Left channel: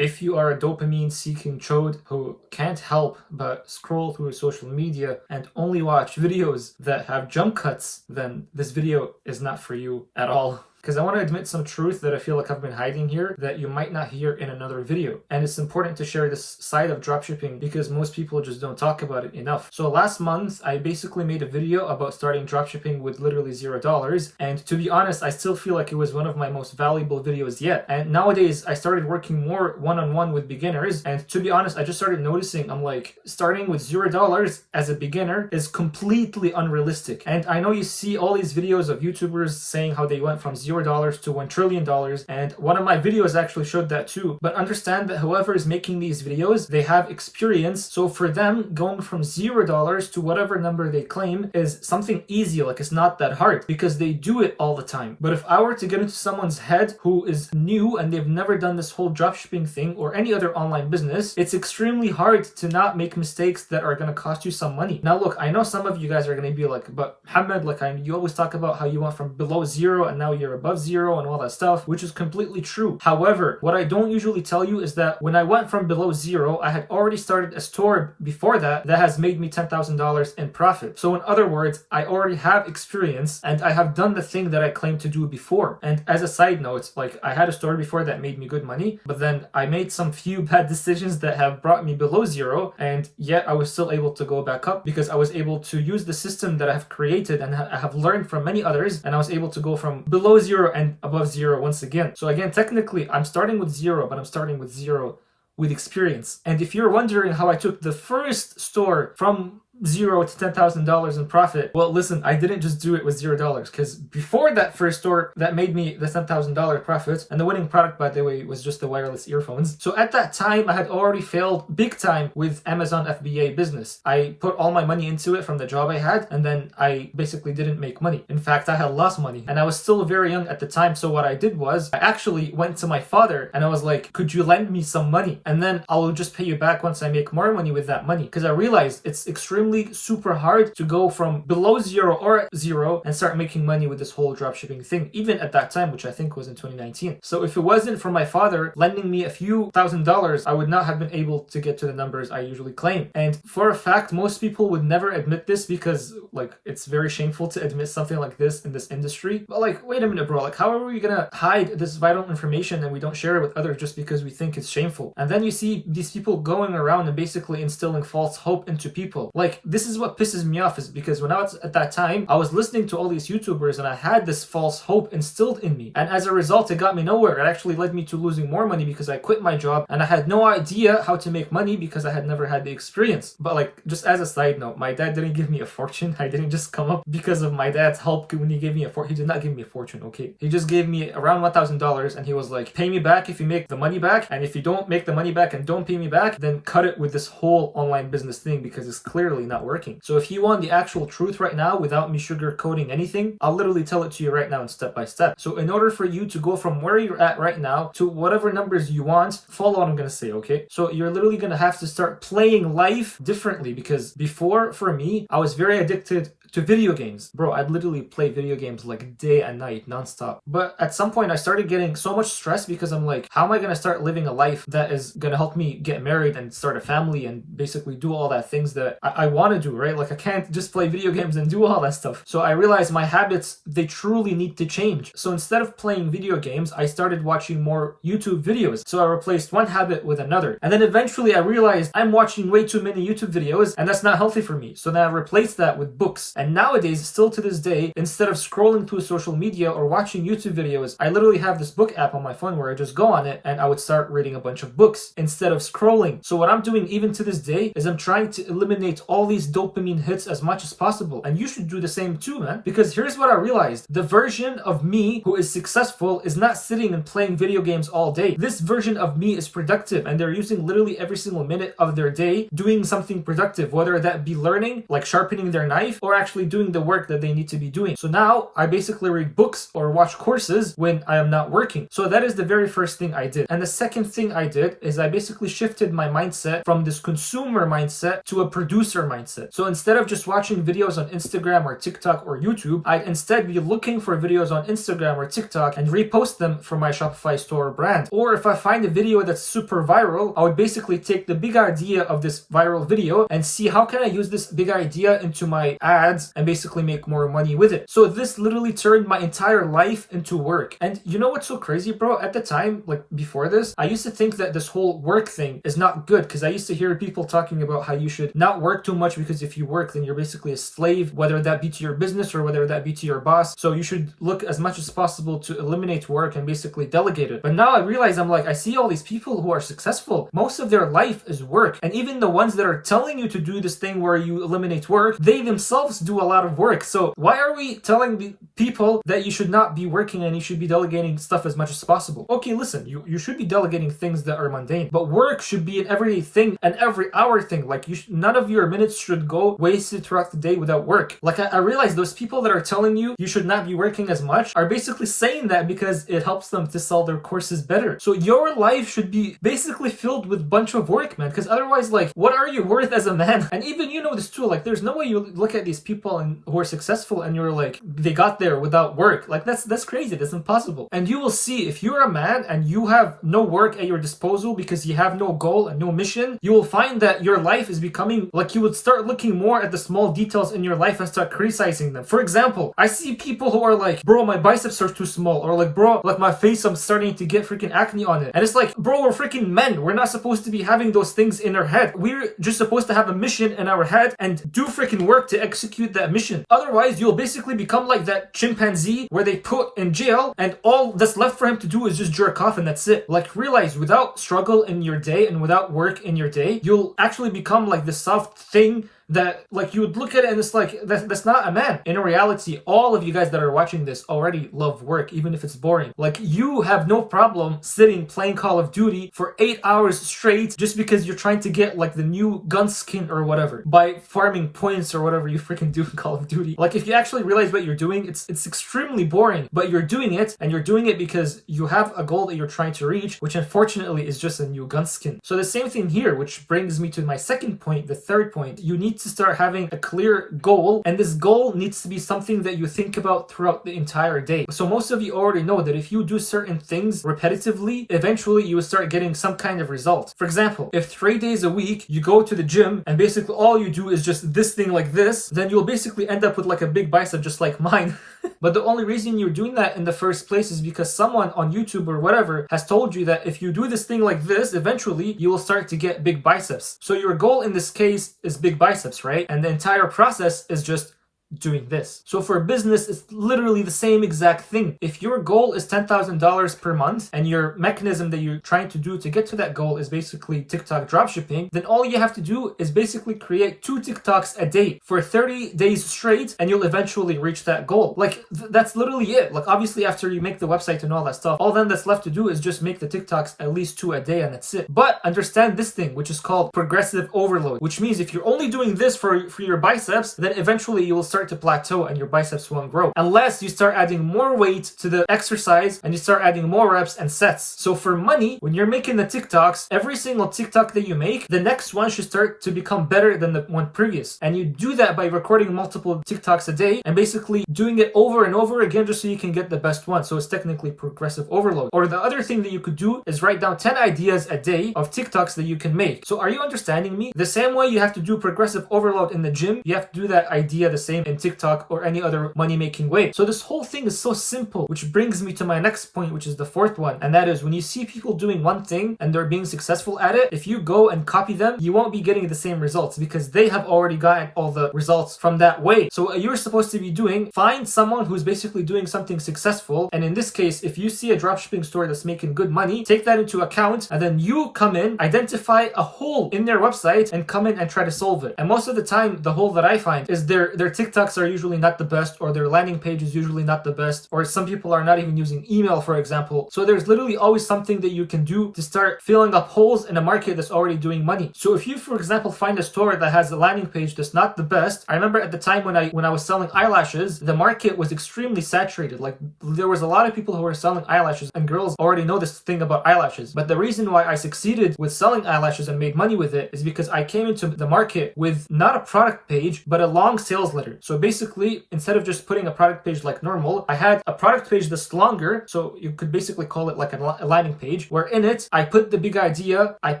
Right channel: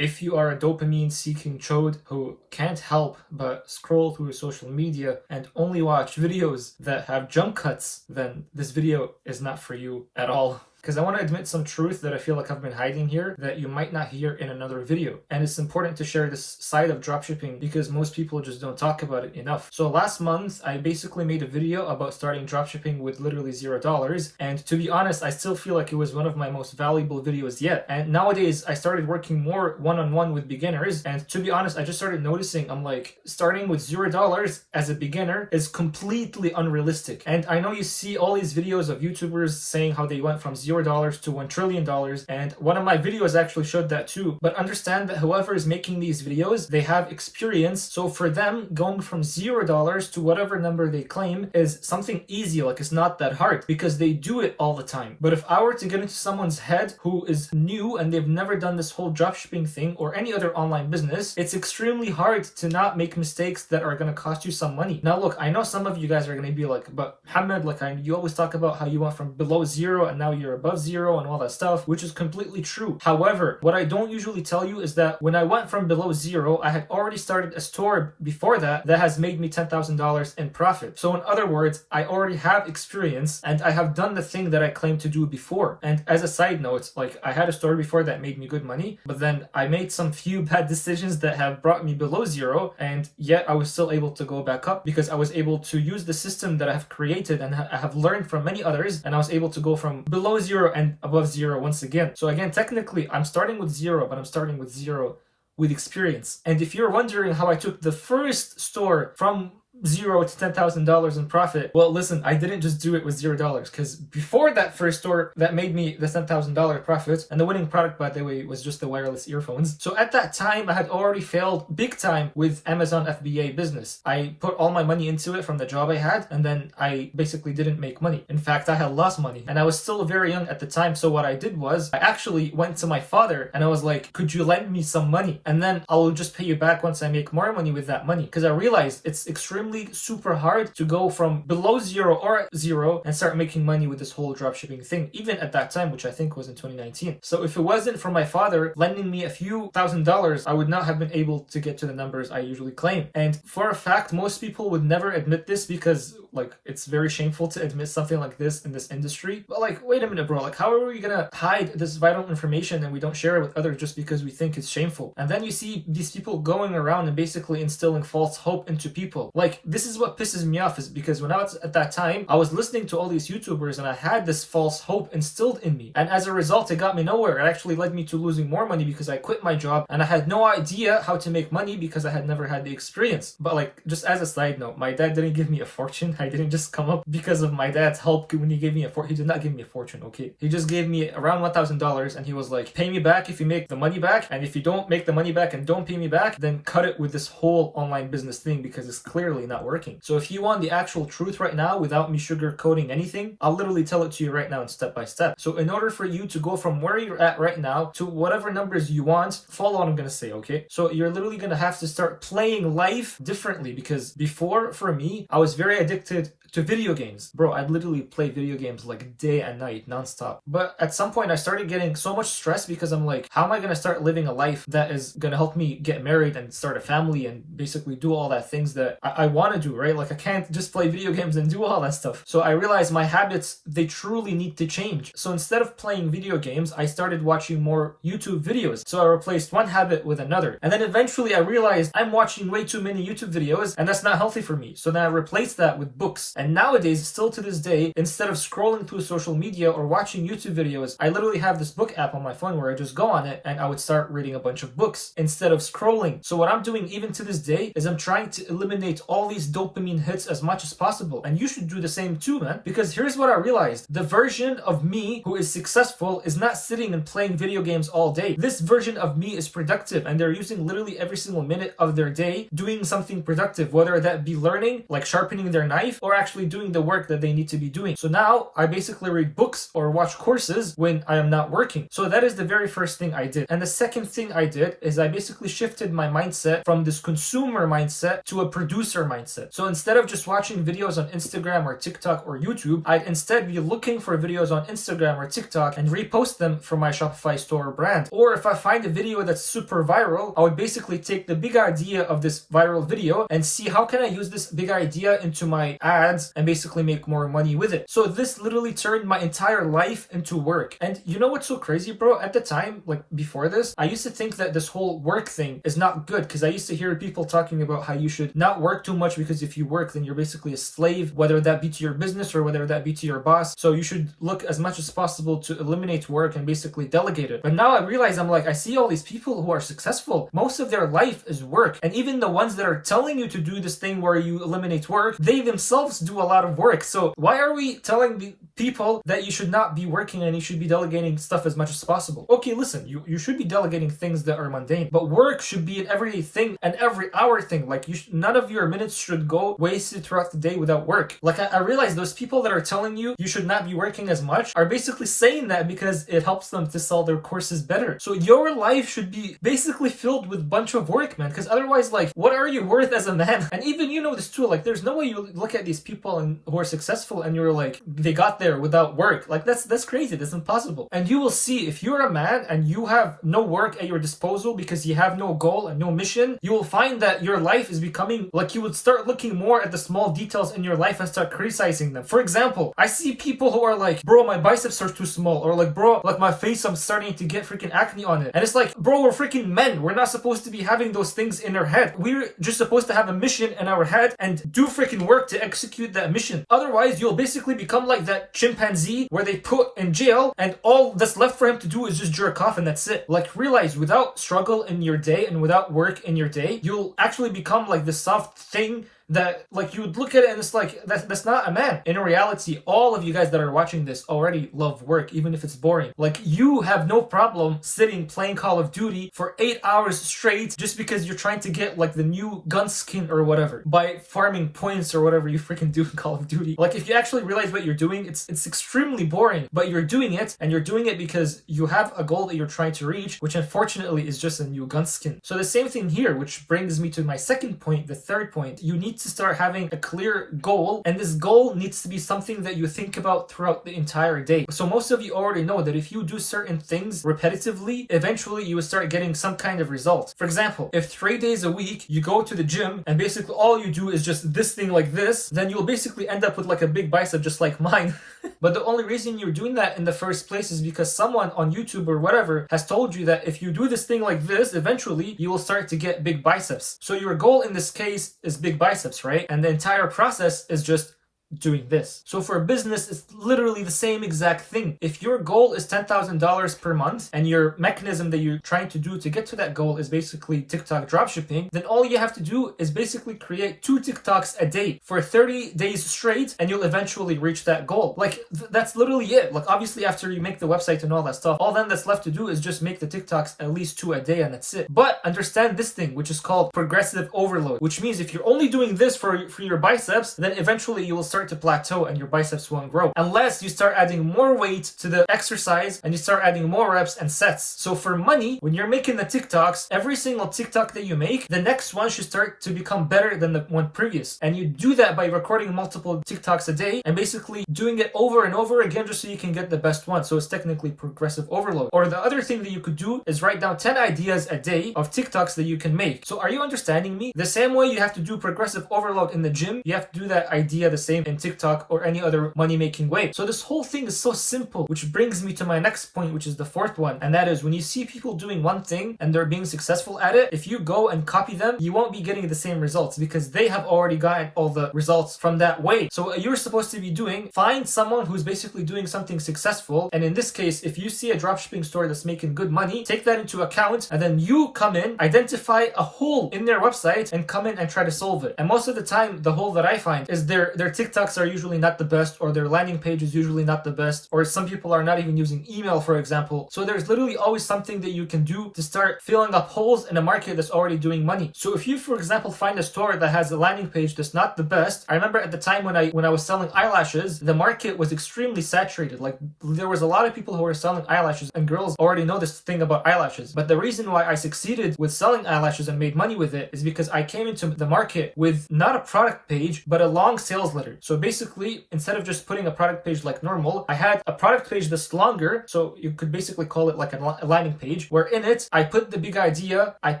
If you are a dopamine seeking chode who can't help but scroll through social media and only watch videos that have jump cuts, then this video is not for you at all. Because I want to admit some truth that I feel like I've been hiding here that you might not hear in another video. And it's important to share this side of dropshipping because most people just don't talk about it enough. So last month, I basically made a video about starting dropshipping with literally $0. And to be honest, I still feel like it was one of my most valuable videos yet. And nowadays, I started working more one-on-one with beginners. And to be honest, I just started noticing, I'm like, starting with $0 as a beginner is completely unrealistic. And I know you see all these videos of YouTubers saying how they went from $0 to $1 trillion, and one of my videos actually showed that too. But understand that whoever is making these videos, they have experience. So for them, going from $0 to whatever number they claim is something easy. Like, it's not that hard because they do it all the time. But if I were to get into someone's head who is new and they've never done this whole dropshipping thing or any other online business, it's extremely hard to not make mistakes that are going to cost you some money. Now look, I know some of you guys are going to be like, but Muhammad, like, you always talk about how you went from below zero and now you're above zero and all that stuff, which is completely true. However, what I don't usually tell you is that when I went from below zero, I had already started a store before that has made me $10,000 in profit. So in other words, I already have experience and I have done the thing that I claimed to do before. And as a side note, like, I had a store before that made me good money, but then I made some few bad decisions that have brought me below zero, and yet I was still able to go back up because I was able to use the system that I have created and I have learned from many others, and I was able to go from below zero and above zero once again. So again, technically, I'm starting with zero, but I'm starting with zero with experience. And if you're wondering how I took the first store from $0 to $10,000 in profit, well, listen, I didn't just do it with $0, because before that first store that made me the $10,000 profit, and the winning product, by the way, was just the wireless earphones. So at that time, I had already failed big time with Amazon FBA business. I put all my money into it from the job I had, and then I basically didn't make money. In fact, I had lost money, and I was still very young at the time. So what I did was I actually went to my father and I was like, could you lend me some money? And then I'll just pay you back once I make more money with that money. Because I realized it's extremely super hard to go from below zero or zero and start making money with this whole dropshipping thing, even at that time, which I think was in 2019. So if it wasn't for my father lending me a few $1,000s, I would not have been able to get to the numbers I usually claim. And for a fact, most people would never admit this because, like, it's very shameful to admit something like this in this industry. But like, wait a minute, bro, like, how are we gonna hide this vital information and we don't share it with others just because we think it's shameful? And then you see these people going around and basically instilling false hope into people. Like, this is what pisses me off, is because when I was at that time, I was listening to all these YouTubers and I had this false hope instilled in me. And as a result, it got me nowhere. It actually led me to losing more money because I quit my job and I had no idea how to make money because I had never had the experience. But like, just as a side note, my dad didn't give me a fortune. I didn't just come up because of my dad's help when he gave me a fortune. He did not give me a fortune, okay? He just gave me around $1,000 and he was like, pay me back if you make the money back. And if you don't make the money back and don't pay me back, then cut it with this whole online business thing because it's clearly not working. So if you want the actual truth right now without me sugarcoating anything, I'll literally tell it to you right now in step by step. So in order for you to go from where you're at right now to whatever numbers you want, follow what I'm going to say, okay? So you're literally going to have to start playing life differently, because before, for me, I was very addicted to video games. Bro, I'd literally play video games like day and night, nonstop. But at some point, I started getting so much stress because I'm like, how am I going to start living a life that is going to help me get married and start a family and basically do all that things that I want to do, right? Like, I can't just play video games and do all that stuff. So I realized my habits, they truly need to change. So instead of playing video games, I started watching more YouTube videos. So I replaced one habit with another. And then eventually I realized I'm watching way too many YouTube videos and that's not healthy for me. So then I replaced that with books. And nowadays, still to this day, instead of scrolling through social media or watching YouTube videos, I literally have this book app on my phone where I just go on it and I would start reading a bunch of books instead of scrolling. So what I'm doing even to this day is I'm trying to eliminate all these dopamine hits as much as possible. And you should do the same too, man. Because here's what I realized. The version of me who is successful is not sitting and playing video games all day. This version of me is productive and they're using literally every single minute of their day doing something productive, whether that be learning, like sharpening their knife, or actually actually doing the work that they need to be doing. So now I basically read books or watch courses when I am not working. So that is the very first thing I did. And the second thing I did is I basically shifted my mindset from this consumer mindset to a producer mindset. So instead of just watching videos on Instagram or TikTok or YouTube, I'd instead be looking for videos on Instagram or TikTok and repost them for my Shopify store brand. Or if I find a video that's super viral, I would basically take the big idea of this viral video and see how can I use this big idea into my ads and basically make more money with it. So this literally turned my entire life into work. And you know what's so crazy, bro? At the time, like before this, I used to think that this whole work thing is not good, because I used to hear people talking about how you should not work too much, because if you work, then you're basically a slave, whether that be to your business or whether that be to your boss. So you should look as much as possible to eliminate work and basically delegate it. But now I realize, I'm like, I see all these people who are successful. Most of their life is work. And even the ones that are telling you to do this thing where you eliminate work, they themselves do a lot of work. So why are we telling people that you should not be working and you should be delegating stuff as much as possible? Okay, listen, you should be delegating things that are mundane, but work should be an everyday thing, an every hour thing. Like none of your minutes should go wasted throughout the day without work. Like I realize those people that are telling you you should not be working as much are basically saying that because it helps them to sell their courses better. So your life should be basically filled with bunch of work, man, because otherwise, like, what are you worth as a man? And even you know this too, like there's no way you look at these people who are successful and you're like, they got there without work. Like that's crazy. That's impossible. And you will see, if you're a man and you have no work at your disposal because you have no goal and no mission, you will find that your life is becoming like, you would start looking more at the small details in your life and start criticizing them. For example, I see people who are like, bro, my biceps are too small, or like, bro, like my face, I'm starting to get freaking acne on it. And it's like, bro, we're freaking men. We're not supposed to be having those things in our head. We're just supposed to have a mission in our head and do freaking work to execute that mission. Otherwise, you'll basically become like that chimpanzee where they put in jail and all that's left for him to do is just jerk off and that's it. Like, realize without struggle in your day and without work in your day, you'll actually become like this soft thing that like you would look at it and it's like, that's not a man. In reality, all of you guys that are watching this already love work, even if it's boring. Like, you have no problem sitting playing Call of Duty for 8 hours straight just because you're trying to get like the new gun skin or whatever by farming points or whatever you freaking do in Call of Duty. Like, if you actually realize what you're doing, it's extremely boring, but you're doing it, and you're doing it because you have a goal that you're trying to reach, which unfortunately is just a new gun skin. So the same thing here, which brings me to my second point, the third point. You need to start having a clear goal, and this goal needs to be something that you think about throughout the entire day. So most of you already know that if you do certain things repetitively, eventually you will start getting some kind of result. For example, if 3 days a week you go to the gym and basically all you do is just this thing like this, then you'll basically end up with like a big bicep just like mine. But the only reason you're doing that in the first place is because someone on YouTube or whatever has told you that if you do this thing like this, eventually you will start to get big biceps. So your goal in this case is big biceps, right? And the entire process is just doing this. So for a business, it's literally the same exact thing. If your goal is $10,000 per month and your mechanism that you're trying to do to get to that goal is basically TikTok dropshipping, then all you have to do is basically create 2 TikToks a day for 30 days straight, and you'll eventually reach that goal. Like, that's literally it. Like, obviously after you make the website and all that stuff, all then that's left to do is just make the TikToks at least 2 a day, and that's it. But understand this thing, which is called progressive overload, which means if you're only doing this for your biceps, then eventually you will start to plateau and your biceps won't grow unless you start adding more weight to the exercise and you start adding more reps and sets. So for money, when you're making the TikToks, every single TikTok that you make, the next one should start to become better than the one previous. And you do that by recording multiple TikToks a day and basically doing it over and over again just so you can get the best one. So it's technically progressive overload. Or the other thing that you could do is write down 10 ideas a day of TikToks that you can make. So are you understanding me? The same way you have to do progressive overload in the gym, you have to do that idea the same in TikTok or any other money-making way. So this whole thing is so simple, which brings me to my next point, which is the fourth one. And that is, when you see people doing one thing and they're being successful at it, if you go and copy them, you won't be getting the same results because they have already gotten all the results from that way. So what you're supposed to be doing, find someone who's basically doing something successful. And in this case, if you see a dropshipping store that's making good money, take that into account, and then you come in, identify a hole in their website and come in and try to solve it. And most of the time, the hole that I find is their TikTok products are usually not the best, or their landing page is usually not the best, or some people are not even using email, for example. So there's literally always something that you can do to start filling up holes in a market that's already doing money. So if you, for example, find a store that has a landing page that's not the best, I remember at the time when I was selling eyelashes, the market was extremely saturated. Like, there was a lot of people who were selling eyelashes, and girls already know this thing about eyelashes. But the reason why I succeeded with selling eyelashes and made money with it is because I came into the market with not a product page, but a long sales letter. So basically, instead of just putting a product page like normal, I had a product page that's longer, so you could basically call it like a landing page, where in it, I put the big idea, I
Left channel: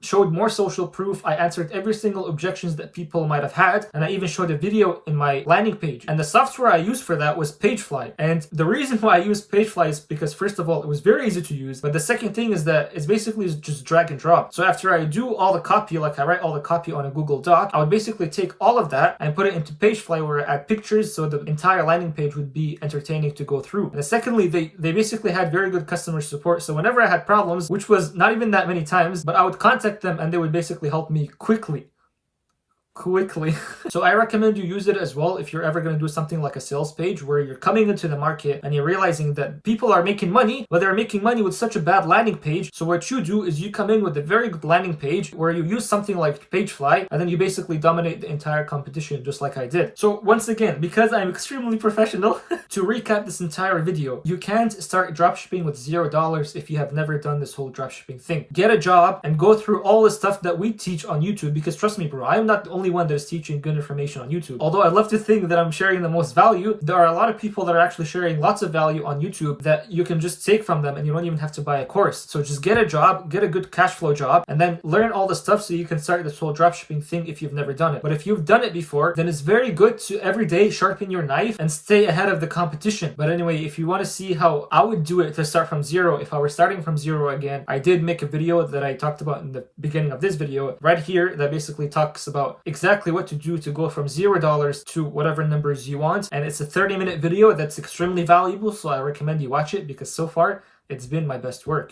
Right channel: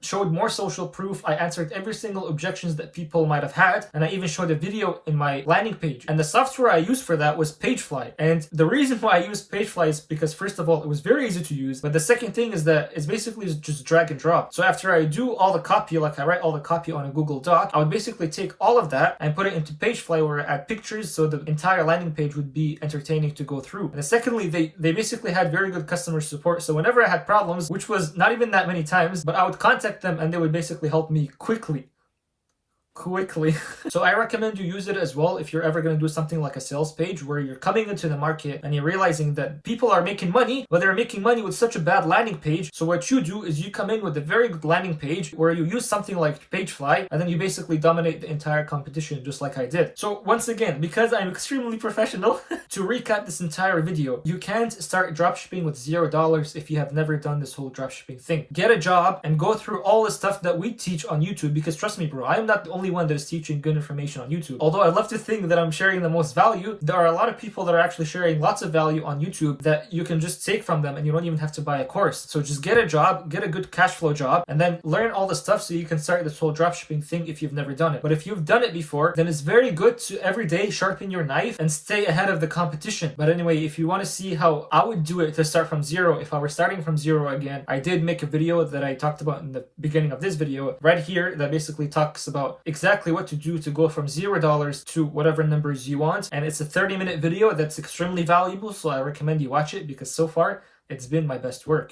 showed more social proof, I answered every single objections that people might have had, and I even showed a video in my landing page. And the software I used for that was Pagefly. And the reason why I used Pagefly is because, first of all, it was very easy to use, but the second thing is that it's basically just drag and drop. So after I do all the copy, like I write all the copy on a Google Doc, I would basically take all of that and put it into Pagefly, where I add pictures, so the entire landing page would be entertaining to go through. And secondly, they basically had very good customer support. So whenever I had problems, which was not even that many times, but I would contact them and they would basically help me quickly. So I recommend you use it as well if you're ever going to do something like a sales page, where you're coming into the market and you're realizing that people are making money, but they're making money with such a bad landing page. So what you do is you come in with a very good landing page where you use something like Pagefly, and then you basically dominate the entire competition, just like I did. So once again, because I'm extremely professional, to recap this entire video, you can't start dropshipping with $0 if you have never done this whole dropshipping thing. Get a job and go through all the stuff that we teach on YouTube, because trust me, bro, I am not the only one that is teaching good information on YouTube. Although I love to think that I'm sharing the most value, there are a lot of people that are actually sharing lots of value on YouTube that you can just take from them, and you don't even have to buy a course. So just get a job, get a good cash flow job, and then learn all the stuff so you can start this whole dropshipping thing if you've never done it. But if you've done it before, then it's very good to every day sharpen your knife and stay ahead of the competition. But anyway, if you want to see how I would do it to start from zero, if I were starting from zero again, I did make a video that I talked about in the beginning of this video right here that basically talks about exactly what to do to go from $0 to whatever numbers you want. And it's a 30-minute video that's extremely valuable, so I recommend you watch it, because so far it's been my best work.